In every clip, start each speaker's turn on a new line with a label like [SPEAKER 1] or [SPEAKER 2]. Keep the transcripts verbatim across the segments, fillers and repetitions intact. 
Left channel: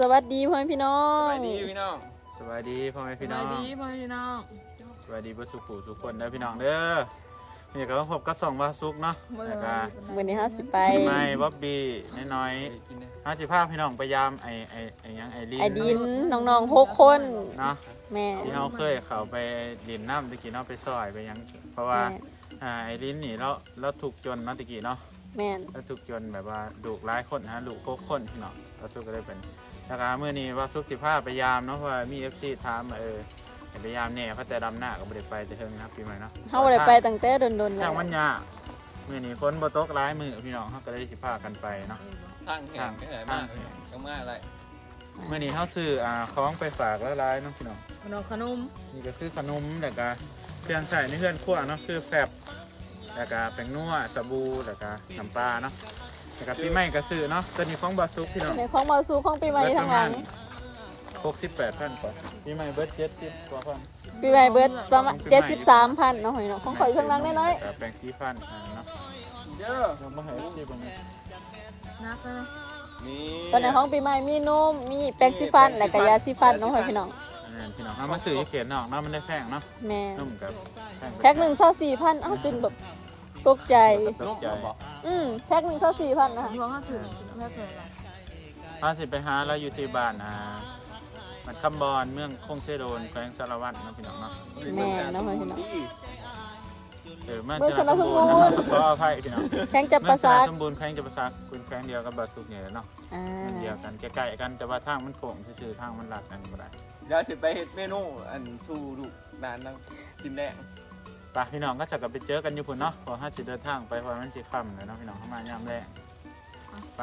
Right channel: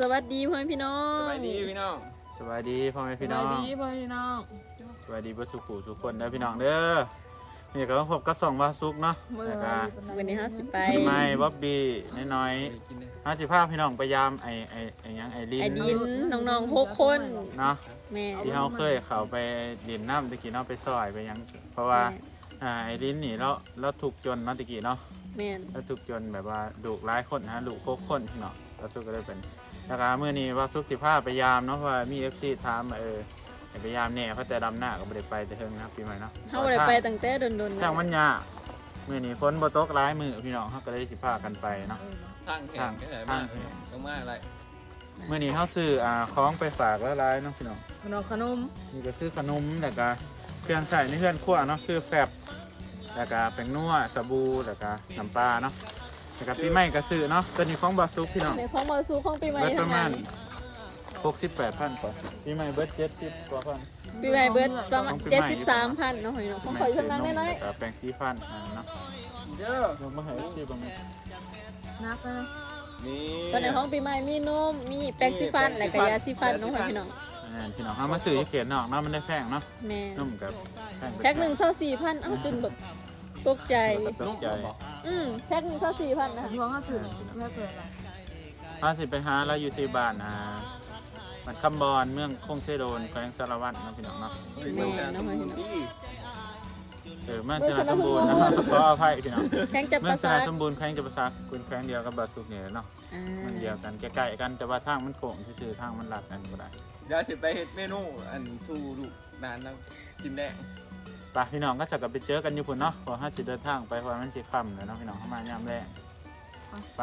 [SPEAKER 1] วัสดีพ่อแม่พี่น้อง
[SPEAKER 2] สวัสดีพี่น้อง
[SPEAKER 3] สวัสดีพ่อแม่พี่น้อง
[SPEAKER 1] สวัสดีพ่อแม่พี่น้อง
[SPEAKER 3] สวัสดีเพื่อนสุขุสุขคนเด้อพี่น้องเด้อนี่ก็พบกับสองวาซุกเนาะแล้วก็
[SPEAKER 1] วันนี้ห้าสิบไป
[SPEAKER 3] พี่ไม้บ๊อบบี้น้อยๆห้าสิบภาพพี่น้องพยายามไอไอไอยังไอลิน
[SPEAKER 1] ไอดินน้องๆหกคน
[SPEAKER 3] เนาะ
[SPEAKER 1] แม่
[SPEAKER 3] ที่เขาเคยเขาไปดินน้ำตะกี้เนาะไปซอยไปยังเพราะว่าอ่าไอลินนี่เราเราถูกจนเนาะตะกี้เนาะ
[SPEAKER 1] แม่
[SPEAKER 3] เราถูกจนแบบว่าดุร้ายคนนะดุโคกคนพี่น้องเราซุกก็ได้เป็นแล้วก็เมื่อนี้ว่าซุกสิภาพพยายามเนาะเพราะว่ามีเอฟซีถามมาเออพยายามเนี่ยเขาแต่ดำหน้าก็ไม่ได้ไปแต่เทิงนะครับปีใหม่เนาะ
[SPEAKER 1] เขาเลยไปตั้งแต่โดนๆ
[SPEAKER 3] ทางมันยากมือนี้ฝนบ่ตกร้ายมือพี่น้องเขาก็ได้สิพากันไปเนาะ
[SPEAKER 2] ทางแข่งไหนมากต้องมาอะไร
[SPEAKER 3] มือนี้เขาซื้ออ่าของไปฝากแล้วร้ายเนาะพี่น้อง
[SPEAKER 1] ขนมขนม
[SPEAKER 3] นี่ก็คือขนมแล้วก็เครื่องใส่ในเพื่อนครัวเนาะคือแฟบแล้วก็แป้งนัวสบู่แล้วก็น้ำปลาเนาะแล้วก็ปีใหม่ก็ซื้อเนาะตัวนี้ของบาซุกพี่น้อง
[SPEAKER 1] ในของบาซูของปีใหม่
[SPEAKER 3] เบิดป
[SPEAKER 1] ทั้
[SPEAKER 3] ระ
[SPEAKER 1] ง
[SPEAKER 3] มา
[SPEAKER 1] นั้
[SPEAKER 3] ณ
[SPEAKER 1] น
[SPEAKER 3] หกสิบแปดพันกว่าปีใหม่เบิดเจ็ดสิบกว่าพัน
[SPEAKER 1] ปีใหม่เบิร์ดประมาณเจ็ดสิบสามพันเนาะพี่น้องของข่อยช่างนั้นน้อย
[SPEAKER 3] แต่แป้งสีฟันเนาะ
[SPEAKER 2] เด้อ
[SPEAKER 3] ลงมาให้ที่ประมาณ
[SPEAKER 1] ๆนักนะ
[SPEAKER 2] นี่
[SPEAKER 1] ตอนในของปีใหม่มีนมมีแป้งสีฟันและก็ยาสีฟันเนาะพี่น้อง
[SPEAKER 3] อันนั้นพี่น้องเอามาซื้อที่เขียนนอกเนาะมันได้แพงเนาะ
[SPEAKER 1] แม่
[SPEAKER 3] นุ่มกับแพง
[SPEAKER 1] แพ็คหนึ่งเท่าสี่พันอ้าวจนแบบตกใจ
[SPEAKER 3] ตกใจ
[SPEAKER 1] อืมแพ็คหนึ่งเท่าสี่พันนะคะ
[SPEAKER 4] บอกห้าสิบไม่เคยละ
[SPEAKER 3] ถ้าสิไปหาเราอยู่ที่บ้านอ่ามันคำบอลเมืองคงเซโดนแขวงสารวัตรเนาะพี่น้องเนาะ
[SPEAKER 1] แม่เนาะพี่น้อง
[SPEAKER 3] เออเมืองชนะสมบูรณ์นะครับขออภัยพี่น้อง
[SPEAKER 1] แข้งจับ
[SPEAKER 3] เมื
[SPEAKER 1] ป
[SPEAKER 3] อง
[SPEAKER 1] ระ
[SPEAKER 3] ช
[SPEAKER 1] สา
[SPEAKER 3] นะ
[SPEAKER 1] ท
[SPEAKER 3] สมบูรณ์แขวงจะประซักคุณแขวงเดียวกับบาสุกเนี่ยเนาะ
[SPEAKER 1] อ่า
[SPEAKER 3] มันเดียวกันใกล้ๆกันแต่ว่าทางมันโค้งซื่อๆทางมันลัดกันก็ได้
[SPEAKER 2] เดี๋ยวสิไปเฮ็ดเมนูอันสู้ดุนานนั่งกินแดง
[SPEAKER 3] ไปพี่น้องก็จะกลับไปเจอกันอยู่พุ่นเนาะพอห้าสิเดินทางไปเพราะมันสิค่ำเลยเนาะพี่น้องเข้ามายามแรกไป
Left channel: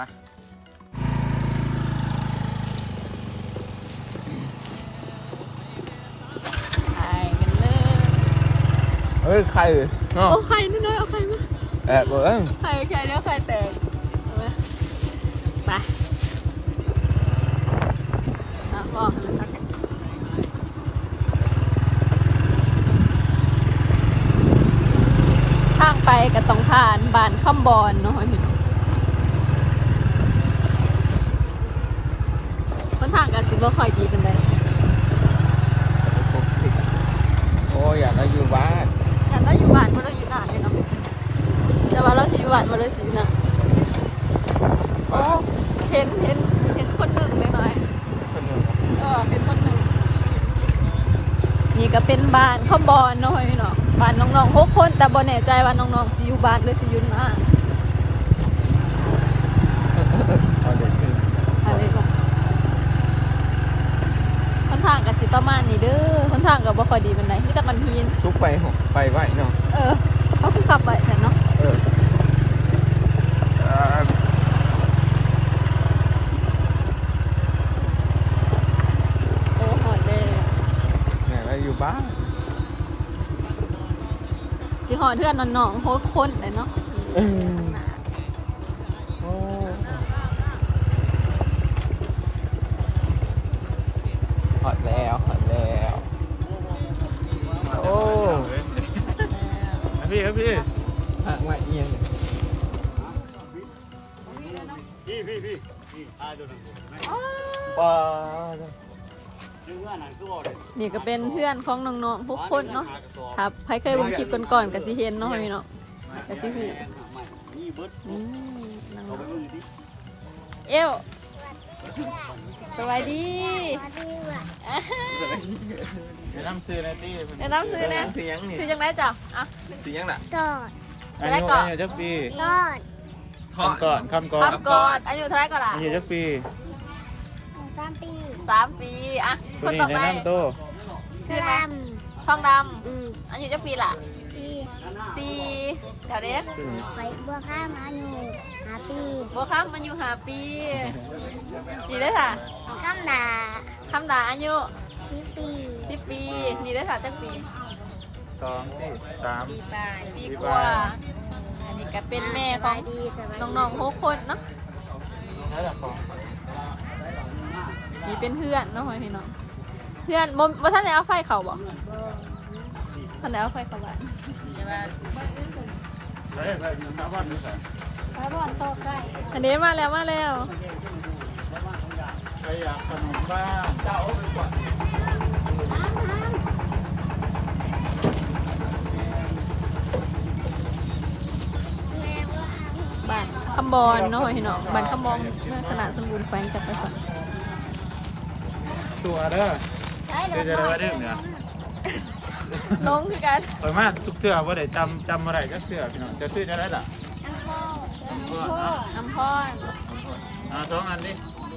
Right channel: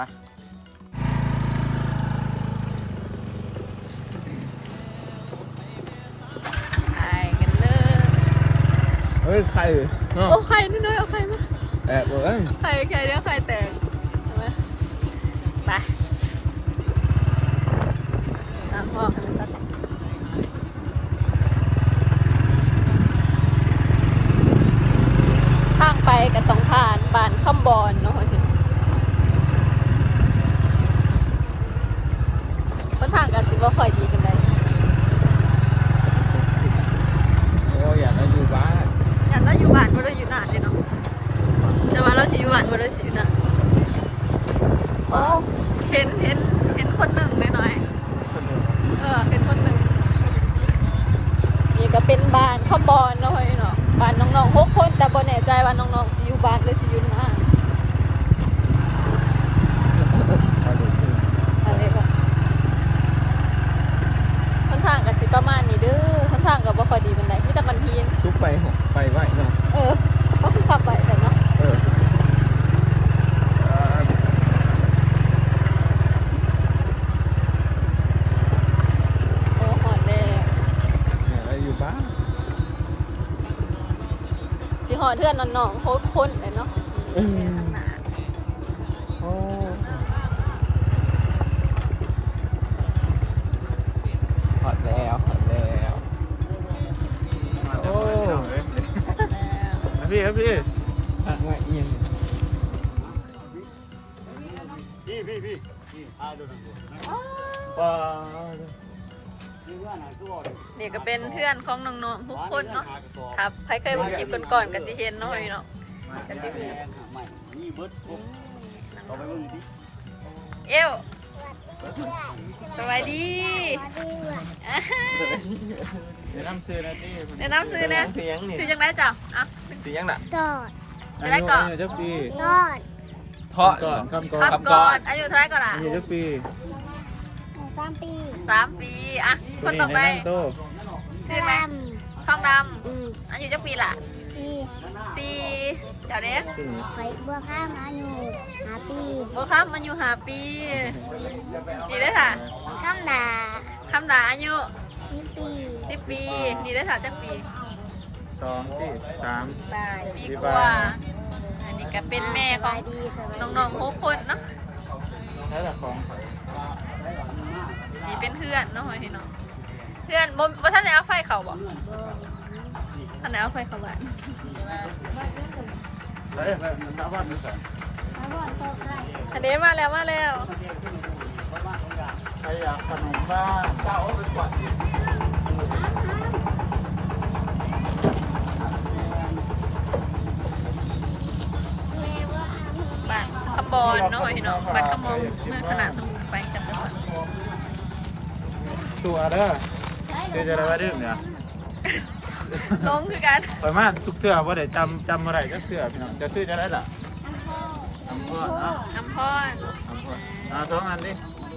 [SPEAKER 2] เฮ้ยไข่
[SPEAKER 1] โอ้ไข่นู่นๆเอาไข่มา
[SPEAKER 2] แอบเบิ้ง
[SPEAKER 1] ไข่ไข่เลี้ยงไข่แตกไปแล้วก็ข้างไปกับสำคัญบานข้ามบอลนะคะต้นทางกับสิบว่าไข่ดีกันไหม
[SPEAKER 2] โอ้ยอยากให้อยู่บ้าน
[SPEAKER 1] แต่เราอยู่บ้านเราอยู่นานเลยเนาะแต่ว่าเราจะอยู่บ้านเราจะอยู่นานโอ้เห็นเห็นเห็นคนหนึ่งเลยหน่อย
[SPEAKER 2] คนหนึ่ง
[SPEAKER 1] เออเป็นคนหนึ่งนี่ก็เป็นบ้านข้าวบอลหน่อยบ้านน้องๆพวกคนแต่บ่แน่ใจว่าน้องๆสิอยู่บ้านหรือสิอยู่บ้าน
[SPEAKER 2] เอาเด็กขึ้น
[SPEAKER 1] คำถามก็สิประมาณนี้เด้อคำถามก็บ่ค่อยดีปานใดมีแต่บางที
[SPEAKER 2] ทุกไปหกไปไหวเนาะ
[SPEAKER 1] เออขับไปแต่ว่า
[SPEAKER 2] เออเนี่ยเราอยู่บ้าน
[SPEAKER 1] สิขอเทื่อนน้องๆโพสต์คนเลยเนาะ
[SPEAKER 2] อืมโอ้หอดแล้วหอดแล้ว
[SPEAKER 3] โอ้พี่ครับพี่
[SPEAKER 2] อ่ะมาเอียง
[SPEAKER 3] พี่พี่พี่พี่อาดูหนัง
[SPEAKER 2] ปลา
[SPEAKER 1] นี่ก็เป็นเพื่อนของน้องๆทุกคนเนาะครับใครเคยดูคลิปก่อนๆก็สิเห็นเนาะพี่เนาะก็สิเห็นเอวสวัสดี
[SPEAKER 3] ไปนั่งซื้อในตี้
[SPEAKER 1] แนะนำซื้อนะ
[SPEAKER 2] เสียงนี่
[SPEAKER 1] ซื้อจังไรจ้ะอ่ะ
[SPEAKER 2] เสียงน่ะ
[SPEAKER 5] กอด
[SPEAKER 3] อายุอายุจักปี
[SPEAKER 5] กอด
[SPEAKER 2] ทอด
[SPEAKER 3] คำก่อนคำก่อน
[SPEAKER 1] ครับก่อนอายุเท่าไหรก่อนล่ะ
[SPEAKER 3] อายุจักปี
[SPEAKER 5] สามปี
[SPEAKER 1] สามปีอ่ะค
[SPEAKER 3] ตัวน นี้
[SPEAKER 1] ต่อ
[SPEAKER 3] ใน
[SPEAKER 1] ไป
[SPEAKER 3] นั่งโต
[SPEAKER 5] ส
[SPEAKER 1] ชื่อ
[SPEAKER 5] ลั
[SPEAKER 1] นะ
[SPEAKER 5] ม
[SPEAKER 1] ทองด
[SPEAKER 5] อืม
[SPEAKER 1] ำอายุจักปีล่ะ
[SPEAKER 5] สี่
[SPEAKER 1] สี่เจ้าเด้
[SPEAKER 5] ไฟบัวข้ามอายุห้าปี
[SPEAKER 1] บัวครับมันอยู่ห้าปีกี่ได้ค่ะ
[SPEAKER 5] ข้ามดา
[SPEAKER 1] คำหนาอายุ
[SPEAKER 5] สิบปี
[SPEAKER 1] สิบปีกี่ได้ค่ะจักปี
[SPEAKER 3] สองปีสาม
[SPEAKER 5] ปีปลาย
[SPEAKER 1] ปีกว่าอันนี้ก็เป็นแม่ข
[SPEAKER 5] ส
[SPEAKER 1] อง
[SPEAKER 5] บายดีสบายดี
[SPEAKER 1] น้องๆทุกคนเนาะนี่เป็นเพื่อนเนาะพี่น้องเพื่อนบ่บ่ท่านได้เอาไฟเขาบ่ท่านได้เอาไฟเขาบ้าน
[SPEAKER 3] ใช่แบบชาวบ้านนี่ใส่
[SPEAKER 5] แล้วบอลตกได้
[SPEAKER 1] อันนี้มาแล้วมาแล้ว
[SPEAKER 3] ชรอยากขนมบ้างเจ้าเอาไปก่อน
[SPEAKER 1] บ้านคำบอลเนาะพี่น้องบ้านคำบอลเมื่อสนามสมุนไพรกันนะคะ
[SPEAKER 3] ตัวเด้อคือจะได้ว่าดื่มเนี่ย
[SPEAKER 1] ลงคือกัน
[SPEAKER 3] ข่อยมาทุกเทื่อว่าได้จำจำอะไรก็เทื่อพี่น้องจะซื้อจะได้ล่ะ
[SPEAKER 5] น้ำพ่อ
[SPEAKER 3] ทำพ่อเนาะ
[SPEAKER 1] น้ำพอน
[SPEAKER 3] ทำพ่ออ่าสองอันดิ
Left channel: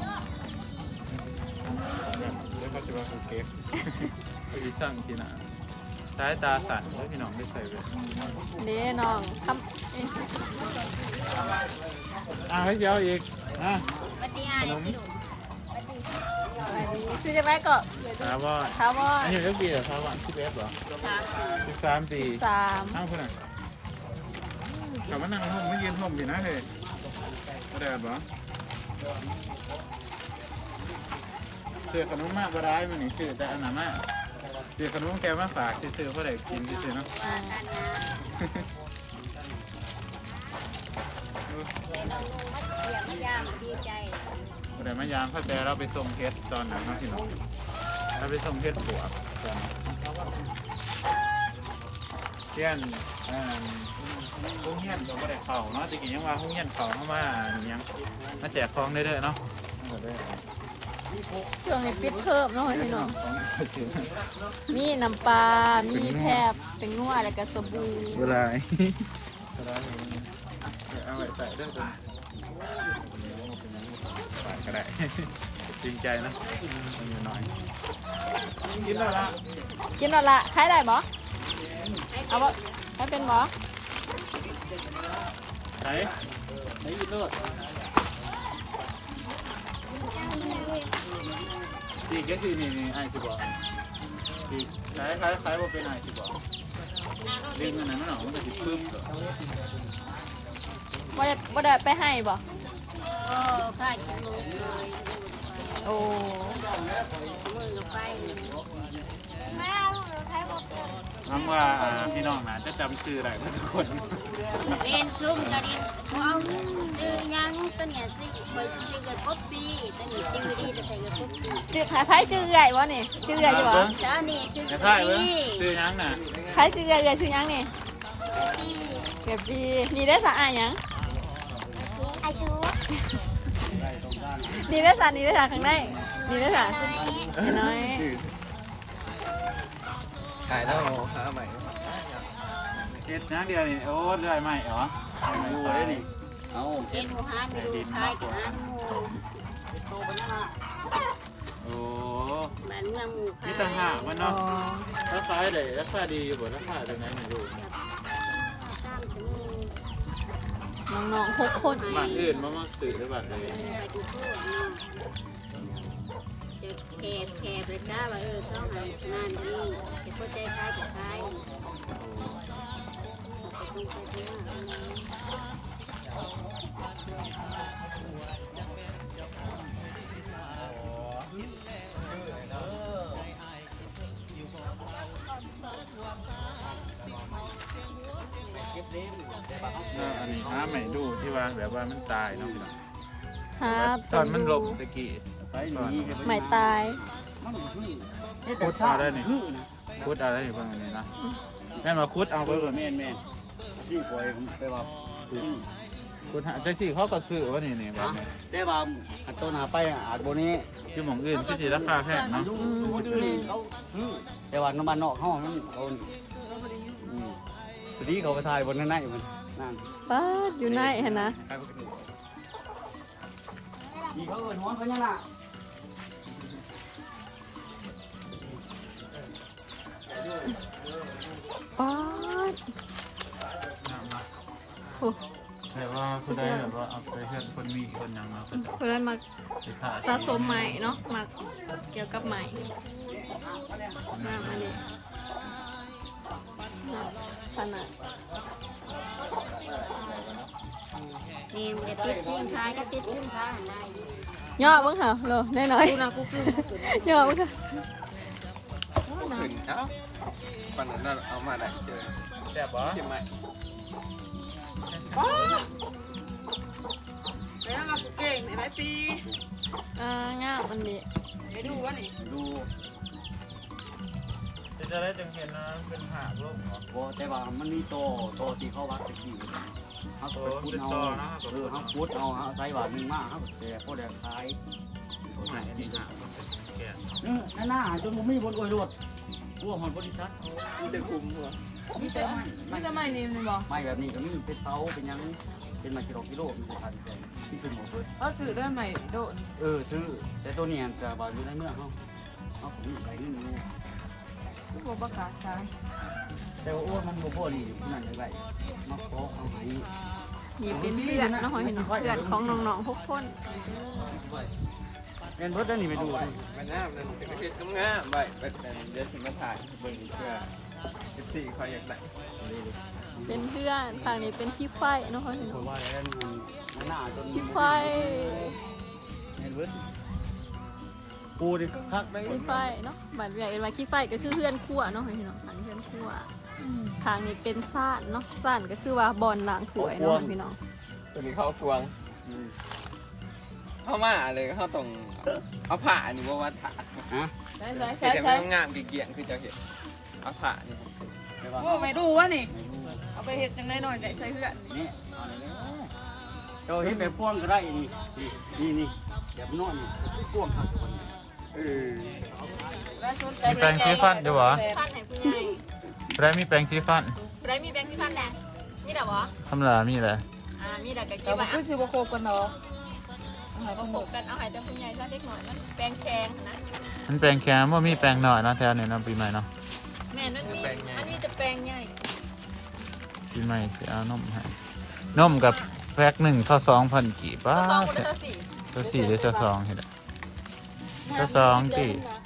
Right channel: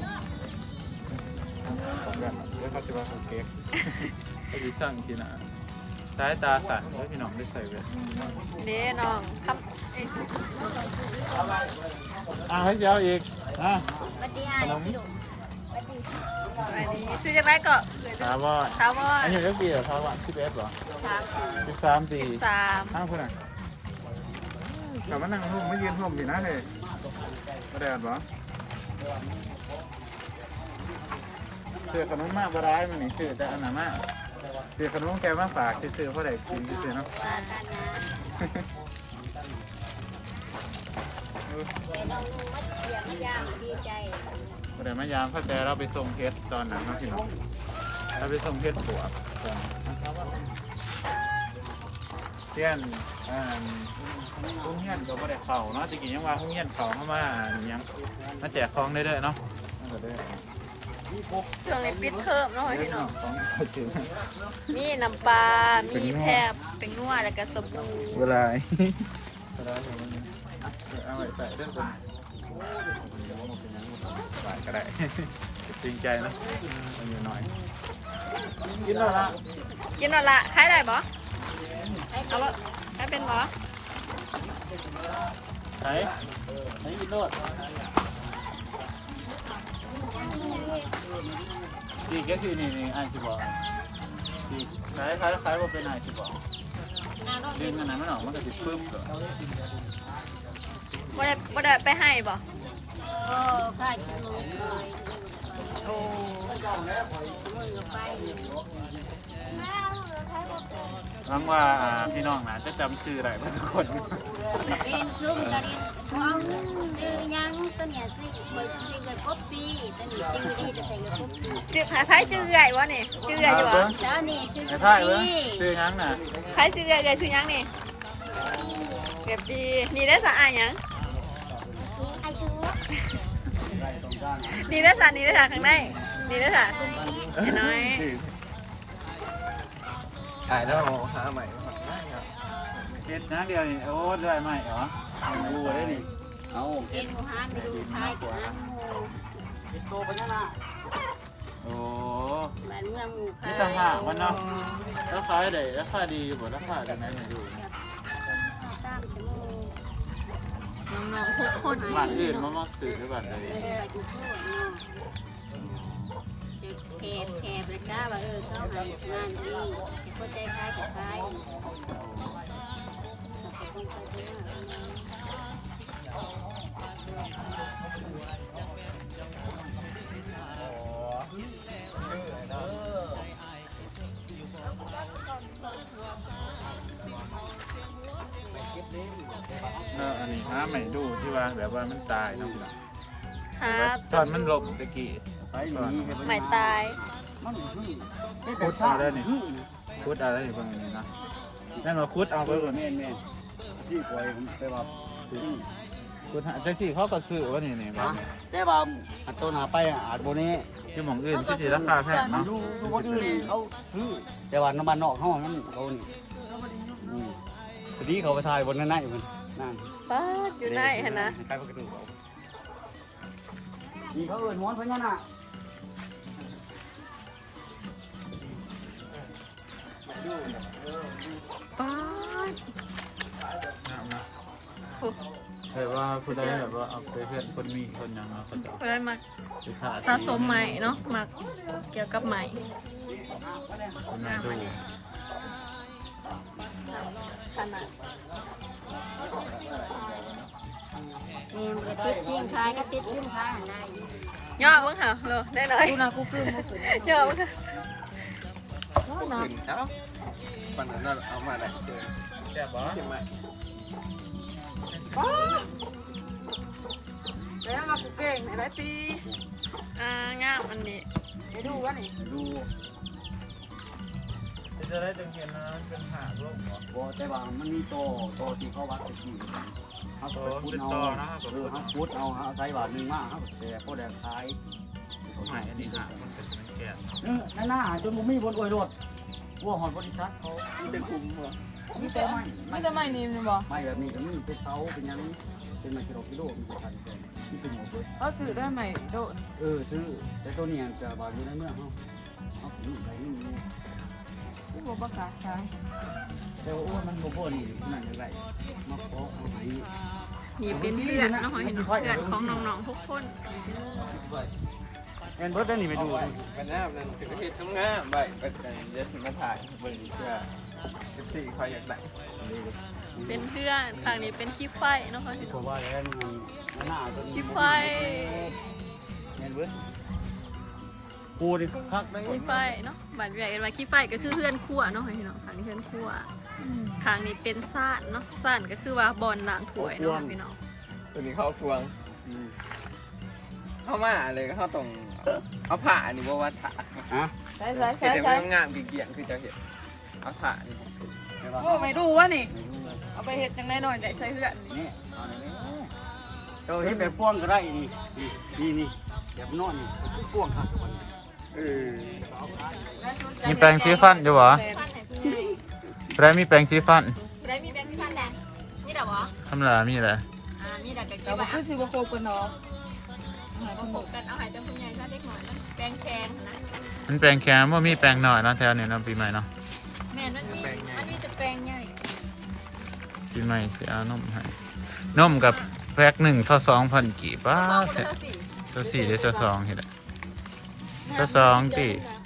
[SPEAKER 3] เดี๋ยวเขาจะมาคุกเค้กเขาจะสั่งกินอ่ะสายตาสั่นแล้วพี่น้องได้ใส่เวท
[SPEAKER 1] เด้น้อง
[SPEAKER 3] อ่ะให้เจ้าอีกอ่ะ
[SPEAKER 5] ปฏิหารพี่ดุปฏิ
[SPEAKER 1] ซื้อจากไหนก็
[SPEAKER 3] ถามว่า
[SPEAKER 1] ถามว่า
[SPEAKER 3] อันนี้เรื่องปีเหรอถามว่าสิบเอฟเหรอ
[SPEAKER 1] สามสี่
[SPEAKER 3] สิบสามปี
[SPEAKER 1] สาม
[SPEAKER 3] อ้าวคนไหนกลับมานั่งห้องไม่ยืนห้องสินะเลยกระเดดเหรอเสือขนมมากบร้ายมันนี่ซื้อแต่อันนั้นมากเสือขนมแกมาฝากซื้อเพราะได้กินซื้อเนาะ
[SPEAKER 5] ว่ากันนะแต่น้องนุ่งมัดเสียมยามดีใจ
[SPEAKER 3] พอได้มายามเข้าใจเราไปส่งเพชรตอนนั้นเนาะพี่น้องเราไปส่งเพชรบวกตอนนั้นเที่ยนอ่าห้องเฮียนก็บ่ได้เข่าเนาะจริงๆยังว่าห้องเฮียนเข่าเข้ามายังมาแจกของได้ด้วยเนาะนั่นก็ได้
[SPEAKER 1] ช่วงนี้ปิดเทอมเนาะ
[SPEAKER 3] เดี๋ยวพี่น้องของก็จริง
[SPEAKER 1] มีน้ำปลา
[SPEAKER 3] เป็น
[SPEAKER 1] มี
[SPEAKER 3] นัว
[SPEAKER 1] แคบเป็นนัวแล้วก็สบู่
[SPEAKER 3] เวลาเวลาอย่างนี้เอาไว้ใส่เรื่องคนใส่ก็ได้จริงใจนะมันอยู่หน่อยกินแล้วละ
[SPEAKER 1] กินแล้วละขายได้บ่เอาบ่ขายเป็นบ่
[SPEAKER 3] ไหนไหนกินรสดีแค่คือนี่นี่ไอ้ที่บอกดีขายขายขายว่าเป็นไอ้ที่บอกดึงอันนั้นมันออกมันก็จะปึ๊บเหรอ
[SPEAKER 1] บ่ได้บ่ได้ไปให้บ่
[SPEAKER 5] ก็ข้ากินนมเลยโอ้มือกับไปแม่เอาใช้บอก
[SPEAKER 3] หวังว่าพี่น้องนะจะจำชื่อได้ทุกคน
[SPEAKER 5] เรียนซุ่มกันเรียนเอาซื้อยังตัวเนี้ยซื้อไปซื้อกับป๊อปปี้ตัวนี้ซื้อได้จะใส่กับป๊อปปี้
[SPEAKER 1] ชื่อขายขายชื่อใหญ่วะนี่ชื่อใหญ่
[SPEAKER 3] เอา
[SPEAKER 1] บ่
[SPEAKER 3] เบิ้ง
[SPEAKER 5] แล้วนี่ซื้อ
[SPEAKER 3] ไอ้
[SPEAKER 5] กับ
[SPEAKER 3] ท่าย
[SPEAKER 5] ป๊อป
[SPEAKER 3] เบิ้ง
[SPEAKER 5] ปี้
[SPEAKER 3] ชื่อยังน่ะ
[SPEAKER 1] ขายชื่อใหญ่เลยชื่อยังนี่เก็บดีดีได้สะอาดยัง
[SPEAKER 5] ไอซู
[SPEAKER 1] ดีได้สะดีได้สะข้างในดีได้สะน้อย
[SPEAKER 2] ถ่ายแล้วเราหาใหม่
[SPEAKER 3] เฮ็ดนะเดียวนี่โอ้ได้ไหมเหรอดูได้ดิ
[SPEAKER 2] เอา
[SPEAKER 5] เอ็นหมูฮันดูไทยกับหมู
[SPEAKER 3] โอ้
[SPEAKER 5] บ้านเมืองหมูค่ะ
[SPEAKER 3] นี่ต่างหากมันเนาะราคาได้ราคาดีอยู่บ่ราคาจากไหนมาอยู่
[SPEAKER 5] ตามจมูก
[SPEAKER 1] น้องๆหกคน
[SPEAKER 3] บ้านอื่นมามาซื้อหรือบ้านใด
[SPEAKER 5] ไปดูโทษเนาะจะแคบแคบเลยจ้าว่าเออเข้าหายงานนี้จะเข้าใจคล้ายกับคล้ายจะต้องไปที่นั่น
[SPEAKER 2] ชื่อไอ้เนาะ
[SPEAKER 3] เนาะอันนี้หาใหม่ดูที่ว่าแบบว่ามันตายเนาะพี่น้อง
[SPEAKER 1] หา
[SPEAKER 3] แต่ว่าตอนมันลมตะกี้
[SPEAKER 2] ไปหนีกัน
[SPEAKER 1] ไม่ตาย
[SPEAKER 2] มันชื่อ
[SPEAKER 3] คุดเอาได้นี่คุดเอาได้นี่เบิ่งอันนี้นะแม่มาคุดเอา
[SPEAKER 2] เอา
[SPEAKER 3] ไป
[SPEAKER 2] ไป
[SPEAKER 3] เบิ่ง
[SPEAKER 2] แม่แม่ที่ปล่อยผมไปว่า
[SPEAKER 3] คุดหาจังซี่เขาก็ซื้อว่านี่นี่แบบนี้
[SPEAKER 2] แต่ว่าอันตัวหนาไปอ่ะตัวนี้
[SPEAKER 3] ที่หม่องอื่นคือสิราคาแพงเนาะ
[SPEAKER 2] รู้ว่าอื่นเขาชื่อแต่ว่าน้ำมันนอกห้องมันโดนทีนี้เขาไปถ่ายบนนั้นอยู่
[SPEAKER 1] บ้าอยู่ในเห็นนะ
[SPEAKER 2] มีเขาเอ่ยม้อนไปนั่นน่ะ
[SPEAKER 1] อ๋อ
[SPEAKER 3] น้ำเนาะแบบว่าคุณได้แบบว่าเอาไปเพื่อนคนมีคนอย่างเนาะ
[SPEAKER 1] เพราะนั้นมา
[SPEAKER 3] ไปถ่าย
[SPEAKER 1] สะสมใหม่เนาะมาเกี่ยวกับใหม่
[SPEAKER 3] คนมาดู
[SPEAKER 5] นี่มันจะติดซิ่งคล้ายก็ติดซิ่งคล้าย
[SPEAKER 1] ย่อบ้างค่ะเลยได้หน่อย
[SPEAKER 5] ดูนะกูกลืนมาขึ้น
[SPEAKER 1] ย่อบ้างค่ะ
[SPEAKER 2] ขึ้นเอ้าปันนั้นเอามาได้เจอ
[SPEAKER 3] แซ่บบ่
[SPEAKER 2] ใช่ไหม
[SPEAKER 1] แล้วมากูเก่งไหนได้ปีอ่างามอันนี้
[SPEAKER 5] ไปดูวะนี่
[SPEAKER 2] ดู
[SPEAKER 3] จะได้จังเห็นนะเป็นหาลูกเหรอ
[SPEAKER 4] บ่แต่ว่ามันมีโตโตที่เขาวัดตะกี้เขาก็ไปพูดเอาเออเขาพูดเอาเขาใส่บาทหนึ่งมาเขาแต่พอแดงขาย
[SPEAKER 3] ไหนอันนี้หาคนเป็นแก่
[SPEAKER 4] เออนั่นน่ะจนมุมีบนอวยโดดวัวหอนบริษัทเขา
[SPEAKER 2] ได้คุมหัว
[SPEAKER 4] มีแต่ไม้
[SPEAKER 1] ไม่จะไม่นี่มันบอก
[SPEAKER 4] ไม้แบบนี้ก็มีเป็นเสาเป็นยังเป็นไม้กิโลกิโลมีเป็นพันเป็นที่เป็นหมดเลย
[SPEAKER 5] เขาซื้อได้ไหมโดน
[SPEAKER 4] เออซื้อแต่ตัวนี้จะบาทอยู่ในเมื่อเขาเขาผมมีใบนี่มี
[SPEAKER 5] ผู้บ่ประกาศขาย
[SPEAKER 4] แต่ว่ามันบ่พอนี่นั่นไรมาขอเอาไว้
[SPEAKER 1] นี่เป็นเพื่อนเนาะเห็นเพื่อนของน้องๆทุกคน
[SPEAKER 4] เอ็นเบิร์ดได้นี่ไปดูดิ
[SPEAKER 2] กันแน่เลยจะไปเฮ็ดจังงาใบไปเดี๋ยวสิมาถ่ายเบิ่งเพื่อเป็นสี่คอยอยากได้
[SPEAKER 1] เป็นเพื่อนทางนี้เป็นขี้ไฟเนาะเห็น
[SPEAKER 4] เพราะว่าแล้วมันหน้าจน
[SPEAKER 1] ขี้ไฟ
[SPEAKER 4] เอ็นเบิร์ดกูดิคัก
[SPEAKER 1] ขี้ไฟเนาะบ้านเวียเอ็นว่าขี้ไฟก็คือเพื่อนขั้วเนาะเห็นเนาะทางนี้เพื่อนขั้วทางนี้เป็นซ่านเนาะซ่านก็คือว่าบอลล้างถ้วยเนาะพี่น้อง
[SPEAKER 2] ตัวนี้เข้าทวงเข้ามาเลยเข้าตรงเอาผ้าอันนี้ว่าวัดถา
[SPEAKER 4] ฮะ
[SPEAKER 5] ใช่ใช่
[SPEAKER 2] เห็น
[SPEAKER 5] ใช่
[SPEAKER 2] แต่ไม่ต้องงามเกี่ยงคือจะเห็นเอาผ้านี่
[SPEAKER 5] โอ้ไม่ดูวะนี่
[SPEAKER 4] ไม่รู้
[SPEAKER 5] เอาไปเห็ดจังได้หน่อยได้ใช้เพื่อน
[SPEAKER 4] นี่เอาเลยเจ้าเห็นแบบป้วงก็ได้นี่นี่นี่แบบนอนนี่ป้วงครับคน
[SPEAKER 2] เออ
[SPEAKER 3] มีแปรงสีฟันอยู่บ่
[SPEAKER 1] ฟันไหนผู้ใหญ่
[SPEAKER 3] ได้มีแปรงสีฟัน
[SPEAKER 1] ได้มีแบงค์ฟันแน่มีแต่บ่
[SPEAKER 3] ทำลามีอะไร
[SPEAKER 1] อ่ามีแต่ก็
[SPEAKER 5] แต่
[SPEAKER 1] กี่
[SPEAKER 5] ว่า
[SPEAKER 1] บาท
[SPEAKER 5] คือสิบ่โคกันเนาะ
[SPEAKER 1] เอาประกบกันเอาให้เจ้าผู้ใหญ่ซะเด็กหน่อยนะแปลงแข็งนะ
[SPEAKER 3] มันแปรงแค่ว่ามีแปรงหน่อยเนาะแถวนี้เนาะปีใหม่เนาะ
[SPEAKER 1] แม่นั่นมีอันนี้จะแปลงใหญ่
[SPEAKER 3] ปีใหม่สิเอานมให้นมกับแพ็คหนึ่งเท่าสองพันกี่บา
[SPEAKER 1] สอง
[SPEAKER 3] ท
[SPEAKER 1] คนเท่าสี่
[SPEAKER 3] เท่าสี่หรือเท่าสองเห็นไหมเท่าสองกี่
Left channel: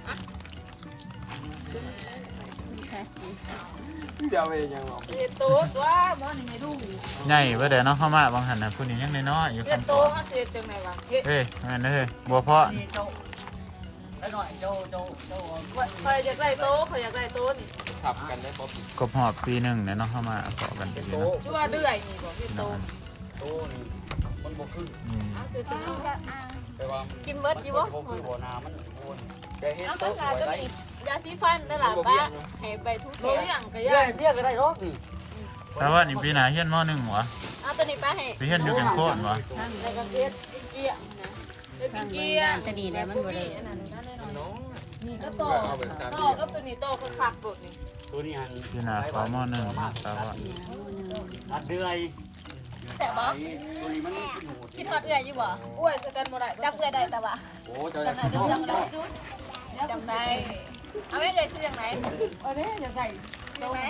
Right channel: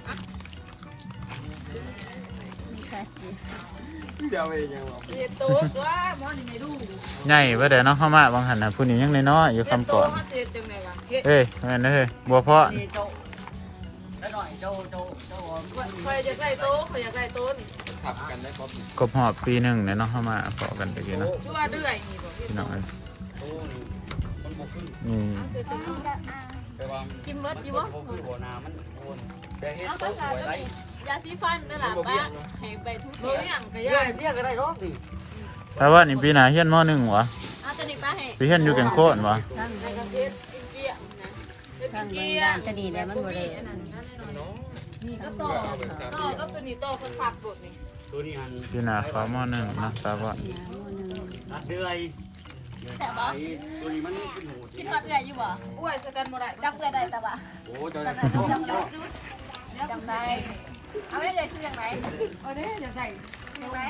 [SPEAKER 2] เดี๋ยวไปยังหรอ
[SPEAKER 5] เห็ดตัวตัวมอนไม่ดู
[SPEAKER 3] ใหญ่ว่าแต่น้องเข้ามาบางหันนะผู้นี้ยังน้อยๆอยู่คำก่อน
[SPEAKER 5] มาเสียจังไงวะเห็ด
[SPEAKER 3] เฮ้ยแม่นเฮ้ยบัวเพาะ
[SPEAKER 4] นี่เจ้าไอ้หน่อยเจ้าเจ้าเจ้า
[SPEAKER 5] คอยอยากได้โต๊ะคอยอยากได้โต๊ะนี่
[SPEAKER 2] ขับกันได้ป๊อป
[SPEAKER 3] กบหอบปีหนึ่งเนี่ยน้องเข้ามาเกาะกันไปกี่เนาะ
[SPEAKER 5] ชื่อว่าเดือยนี่บ่เห็ด
[SPEAKER 3] พี่น้
[SPEAKER 5] โต๊ะ
[SPEAKER 3] อง
[SPEAKER 4] โอ้ยมันบ่ขึ้น
[SPEAKER 3] นี่
[SPEAKER 4] แต่ว่า
[SPEAKER 1] กินเบิร์ดอยู่บ่
[SPEAKER 4] บ่ขึ้นบ่นามันโอ้ยแต่เฮ็ด
[SPEAKER 1] เอา
[SPEAKER 4] โต๊ะ
[SPEAKER 1] ก็
[SPEAKER 4] ไว้
[SPEAKER 1] จะ
[SPEAKER 4] ได้
[SPEAKER 1] มียาสีฟันนั่นแหละป้าให้ไปทุกแข
[SPEAKER 5] เฮ้ย
[SPEAKER 1] น
[SPEAKER 5] อย่างไป
[SPEAKER 4] เบี้ย
[SPEAKER 5] ย่าง
[SPEAKER 4] เบี้ยก็ได้รอบนี่
[SPEAKER 3] แต่ว่านี่ปีหน้าเฮียนมอหนึ่งวะ
[SPEAKER 1] เอาตัวนี้ป้าให้
[SPEAKER 3] ปีเฮียนอยู่แก่งโคตรวะ
[SPEAKER 5] ในกระเทียมเกี้ยนะทางเมืองด้านจะดีแล้วมันบ่ได้ก็ต่อต่อก็ตัวนี้ต่อก็ขับรถนี่
[SPEAKER 4] ตัวนี้หัน
[SPEAKER 3] ปีหน้าเขามอหนึ่งนะแต่ว่า
[SPEAKER 4] อัดเดือย
[SPEAKER 1] แซ่บบ่
[SPEAKER 4] ตัวนี้มันขึ้นหมู
[SPEAKER 1] คิดฮอดเอื้อยอยู่บ่
[SPEAKER 5] อ้วยสกันบ่ได้
[SPEAKER 1] จับเอื้อยได้แต่ว่า
[SPEAKER 4] โอ้เจ้า
[SPEAKER 1] จำได้จำได้จำได้เอาไว้เลยชื่ออย่างไหน
[SPEAKER 5] เออเนี่ยจะใส่
[SPEAKER 1] อย่างไหน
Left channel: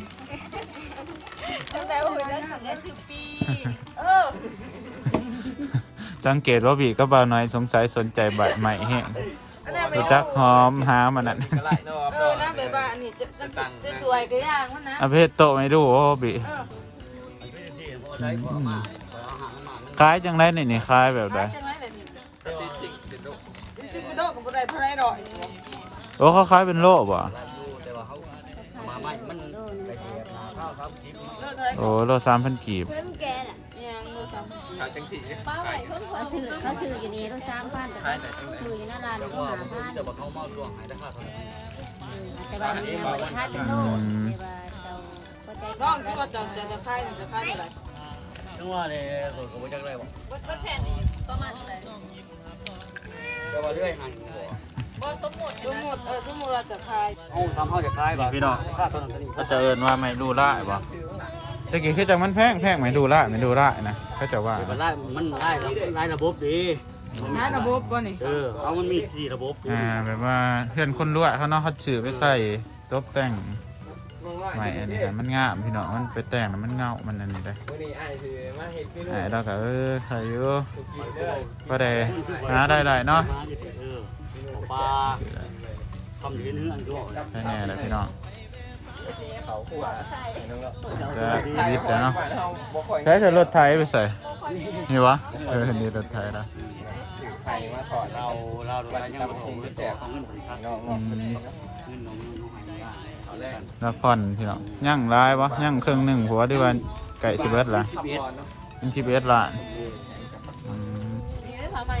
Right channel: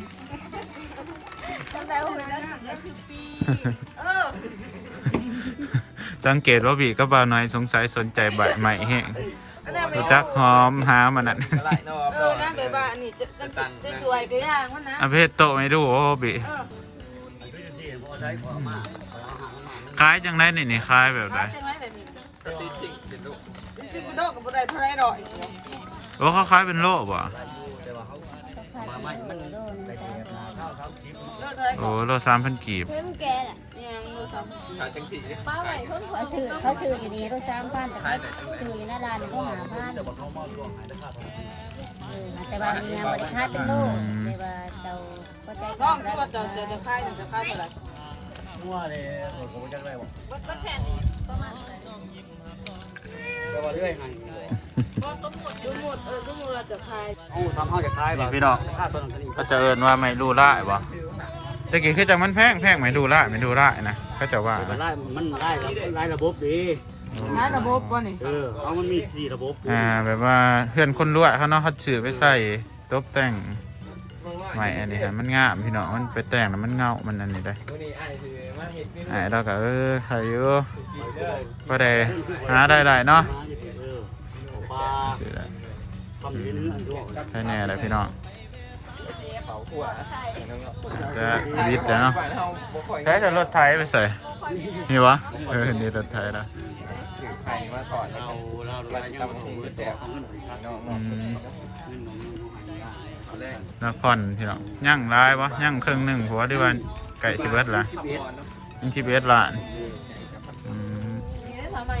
[SPEAKER 1] จำได้ว่าหุ่นแล้วสุดแล้วชื่อปี
[SPEAKER 5] เออ
[SPEAKER 3] สังเกตว่าบีก็บ่าวน้อยสงสัยสนใจใบใหม่แห้ง
[SPEAKER 5] อันนั้นไป
[SPEAKER 3] รู้จักหอมหามันนั่น
[SPEAKER 2] ก็ไล่นอก
[SPEAKER 5] เออน้ำแบบว่าอันนี้จะจะสวยก็ย่างมันนะ
[SPEAKER 3] อาเพศโตไม่ดูโอ้บี
[SPEAKER 5] เออ
[SPEAKER 4] ใช้ขอมา
[SPEAKER 3] คล้ายจังไรนี่นี่คล้ายแบบไร
[SPEAKER 5] ใช่ไหมแบบนี้
[SPEAKER 2] ก็ตีจริงเด็ดลูก
[SPEAKER 5] จริงๆมันโดนกับบ่ได้เท่าไรดอก
[SPEAKER 3] โอ้เขาคล้ายเป็นโลบ่
[SPEAKER 4] แต่ว่าเขามาใหม่มันได้แบบนาข้าวครับคลิป
[SPEAKER 5] เลิกเท่าไร
[SPEAKER 3] โอ้โลสามพันกีบ
[SPEAKER 1] เพิ่นแกน่ะ
[SPEAKER 5] ยังเลิกซ้
[SPEAKER 2] ขายจังสี
[SPEAKER 1] ป้าไหวเพิ่นคนซื้อ
[SPEAKER 6] เขาซื้ออยู่ดีเขาจ้างบ้าน
[SPEAKER 2] ขายแต่จังไหน
[SPEAKER 6] ซื้อหน้าร้าน
[SPEAKER 4] แต่
[SPEAKER 6] เขา
[SPEAKER 4] ว่า
[SPEAKER 6] หา
[SPEAKER 4] มัน
[SPEAKER 6] บ้าน
[SPEAKER 4] จะบอกเขาเมาช่วงหายได้ค่าเท่าไหร่
[SPEAKER 6] แต่ว่าเขาบอกว่าถ้าเป็น
[SPEAKER 3] อื
[SPEAKER 6] โลก
[SPEAKER 3] ม
[SPEAKER 5] ำน้องที่ว่าจะจะจะขายจะขายเท่าไหร่
[SPEAKER 4] นึกว่าเลยส่วนของจักได้บอก
[SPEAKER 1] วัดวัดแผ่นนี่ประมาณเท่าไหร่
[SPEAKER 4] แต่ว่าเรื่อยไง
[SPEAKER 1] ว่าสมมุติ
[SPEAKER 5] ทั้งหมดเออทั้งหมดเราจะขาย
[SPEAKER 4] โอ้ทำห้องจะคลายแบบค่าตัวนั้น
[SPEAKER 3] ก็จะเอินว่าไม่ดูได้บ่ตะกี้คือจังมันแพงแพงไม่ดูได้ไม่ดูได้นะเขาจะว่า
[SPEAKER 4] มันไล่มันไล่ไล่ระบบดี
[SPEAKER 5] ขายระบบก่อนนี่
[SPEAKER 4] เออเอามันมีสี่ระบบ
[SPEAKER 3] อ่าแบบว่าเพื่อนคนรวยเขาเนาะเขาซื้อไปใส่ตบแต่งใหม่อันนี้ฮะมันงามพี่น้องมันไปแต่งแล้วมันเงา มันอันนี้ได้
[SPEAKER 2] วันนี้ไอ้คือมาเห็ดขึ้น
[SPEAKER 3] ไอ้เราก็เออใครอยู่ก็ได้หาได้หลายเนาะ
[SPEAKER 4] เออปลาทำเห็นอันด้วย
[SPEAKER 3] ใช่แน่เลยพี่น้อง
[SPEAKER 2] เขาขวา
[SPEAKER 3] จะวิทย์แล้วเนาะใช้แต่รถไทยไปใส่นี่วะเออนี่รถไทยนะ
[SPEAKER 2] ถือไข่มาก่อน
[SPEAKER 4] เราเราเรายังมาถมมือต่อของเงินชัด
[SPEAKER 2] น้อง
[SPEAKER 3] อืม
[SPEAKER 4] เงินน้องน้องหายบ้างเอาแรก
[SPEAKER 3] นครพี่น้องย่างร้ายวะย่างครึ่งหนึ่งหัวดีวันไก่สิบเอ็ดละ
[SPEAKER 2] สิบเอ็ดเนาะ
[SPEAKER 3] ยิงสิบเอ็ดละอืม
[SPEAKER 5] นี่ได้ทำไมอ่ะ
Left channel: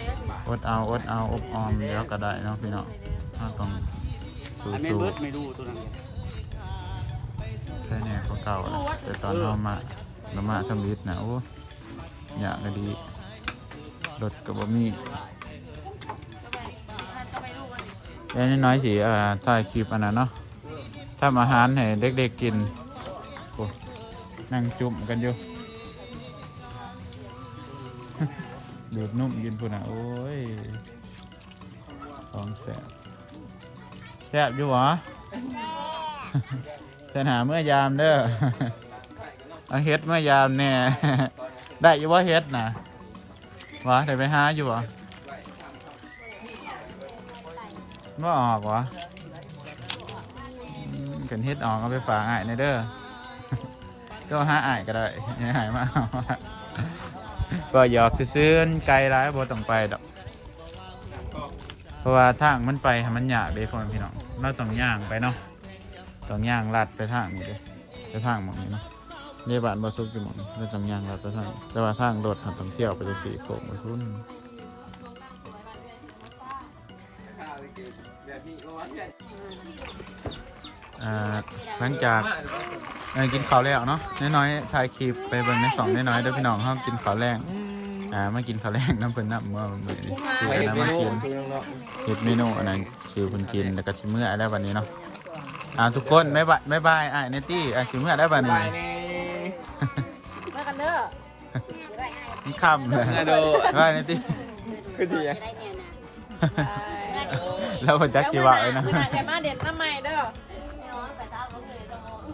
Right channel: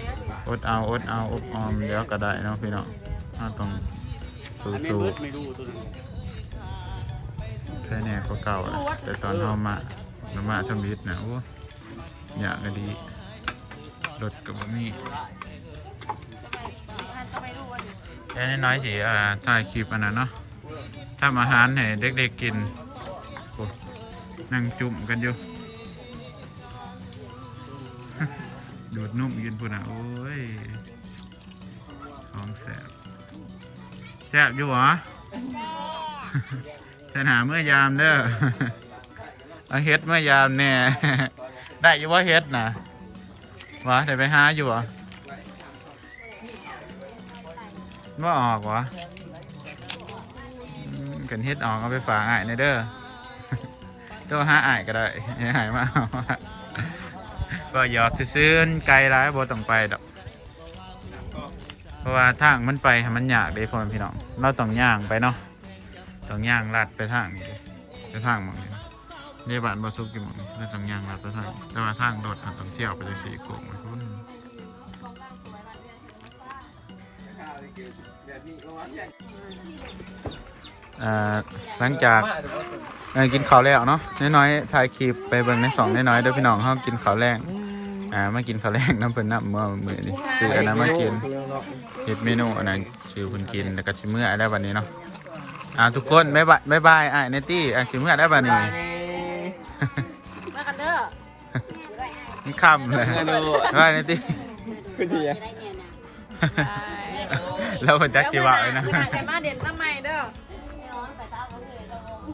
[SPEAKER 3] อดเอาอดเอาอบออมเดี๋ยวก็ได้เนาะพี่น้องเราต้องสู้
[SPEAKER 4] อันนี้
[SPEAKER 3] สู้
[SPEAKER 4] เบิดไม่รู้ตัวนั้น
[SPEAKER 3] แค่นี้ก็เก่าแล้วแต่ตอนเรามาเรามาทำวิทย์นะโอ้อยากก็ดีรถกับบะหมี่ยันน้อยสิอ่าถ่ายคลิปอันนั้นเนาะทำอาหารให้เด็กๆกินโอ้นั่งจุ่มกันอยู่ ดูดนุ่มยืนพูดนะโอ้ยของแสบแสบอยู่หรอ เสนหาเมื่อยามเด้อ เอาเฮ็ดเมื่อยามแน่ ได้อยู่ว่าเฮ็ดนะวะได้ไปหาอยู่วะว่าออกวะอืมกันเฮ็ดออกเอาไปฝากอ้ายในเด้อ ตัวหาอ้ายก็ได้ให้อ้ายมาเอา ก็หยอกซื้อๆไกลร้ายบ่ต้องไปดอกเพราะว่าทางมันไปให้มันยากเด้พ่อแม่พี่น้องเราต้องย่างไปเนาะต้องย่างลัดไปทางนี้ดิไปทางหมองนี้เรียบ้านบ่ซุกอยู่หมองนี้เราต้องย่างลัดไปทางนี้แต่ว่าทางรถต้องเที่ยวไปจังซี่โค้งไปพุ่นอ่าหลังจากเอ่อกินข้าวแล้วเนาะน้อยๆถ่ายคลิปไปเบิ่งในสองน้อยๆเด้อพี่น้องเฮากินข้าวแรงอ่ามากินข้าวแรงน้ำเพิ่นน้ำเมื่อมื้อนี้ซื้ออันนั้นมากินเฮ็ดเมนูอันนั้นซื้อเพิ่นกินแล้วก็สิมื้อแล้วบัดนี้เนาะอ่าทุกคนบ๊ายบายบ๊ายบายอ้ายเนตี้อ่ะสิมื้อแล้วบัดนี้นี่ค่ำเลยบ๊ายบายเนตี้
[SPEAKER 2] คือสิ
[SPEAKER 5] จะได้แนวนะ
[SPEAKER 3] แล้วเพิ่นจักสิว่าเลยนะ
[SPEAKER 6] แต่มาเด่นน้ำใหม่เด้อ
[SPEAKER 5] ไม่ร้อนไปซ้ำก็เลยจะมอง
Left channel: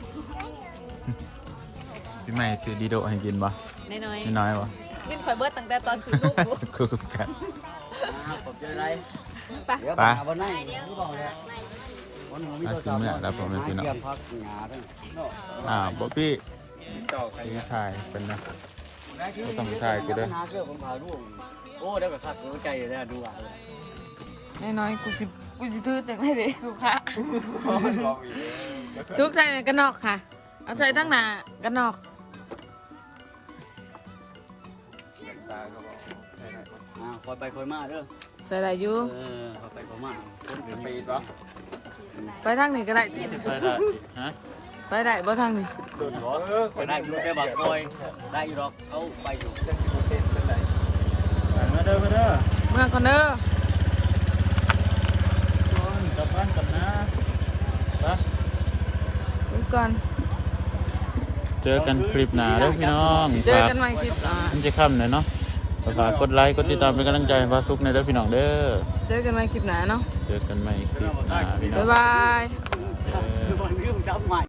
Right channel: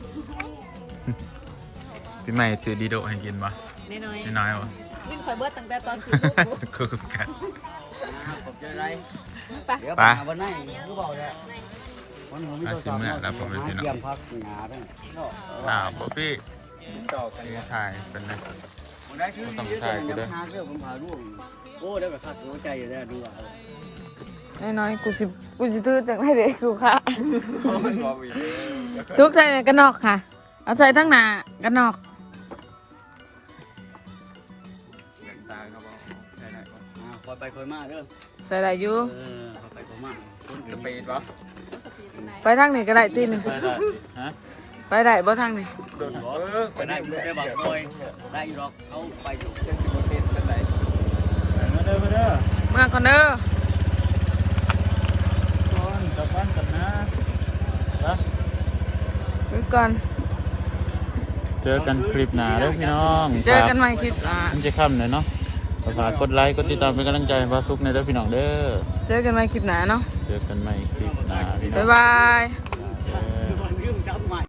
[SPEAKER 3] พี่ใหม่ซื้อดีโดให้กินบ่
[SPEAKER 6] น้อย
[SPEAKER 3] น้อยๆบ่
[SPEAKER 1] วิ่งข่อยเบิดตั้งแต่ตอนสี่ลูกกู
[SPEAKER 3] คือกัน
[SPEAKER 4] ไป
[SPEAKER 3] ไป
[SPEAKER 4] วันนั้นรู้เปล่าเนี่ย
[SPEAKER 3] อาสิมื้อแล้วผมเป็นพี่น้องอ้าวบ่พี่
[SPEAKER 2] ต่อกัน
[SPEAKER 3] นี่ถ่ายเป็นเลย
[SPEAKER 4] ต้องถ่ายไปด้วยผมพาลูกโอ้ได้แบบสัตว์หัวใจอยู่เนี่ยดูอ่ะ
[SPEAKER 7] น้อยๆกูสิกูสิถือจังได๋เด้กูค่ะ ชุกใส่ในกระนอกค่ะ เอาใส่ทั้งหน้ากระนอก
[SPEAKER 4] อ่าคอยไปคอยมาเด้อ
[SPEAKER 7] ใส่ได้อยู่
[SPEAKER 4] เออคอยไปคอยมา
[SPEAKER 2] สปีดปะ
[SPEAKER 7] ไปทางนี้ก็ได้ติน
[SPEAKER 3] ไปได้ฮะ
[SPEAKER 7] ไปได้บ่ทางนี้
[SPEAKER 4] ไปได้อยู่ได้บัตรคอยได้อยู่หรอกเขาไปอยู่
[SPEAKER 3] มาเด้อมาเด้อ
[SPEAKER 7] เมื่อก่อนเด้อ
[SPEAKER 3] คนกลับบ้านกันนะนะ
[SPEAKER 7] ไปก่อน
[SPEAKER 3] เจอกันคลิปหน้าเด้อพี่น้อง
[SPEAKER 7] เจอกันใหม่คลิปอ่า
[SPEAKER 3] มันจะค่ำหน่อยเนาะฝากกดไลค์กดติดตามเป็นกำลังใจให้บาซุกในเด้อพี่น้องเด้อ
[SPEAKER 7] เจอกันใหม่คลิปหน้าเนาะ
[SPEAKER 3] เจอกันใหม่คลิปหน้าพี่น้อง
[SPEAKER 7] บ๊ายบาย
[SPEAKER 3] เออ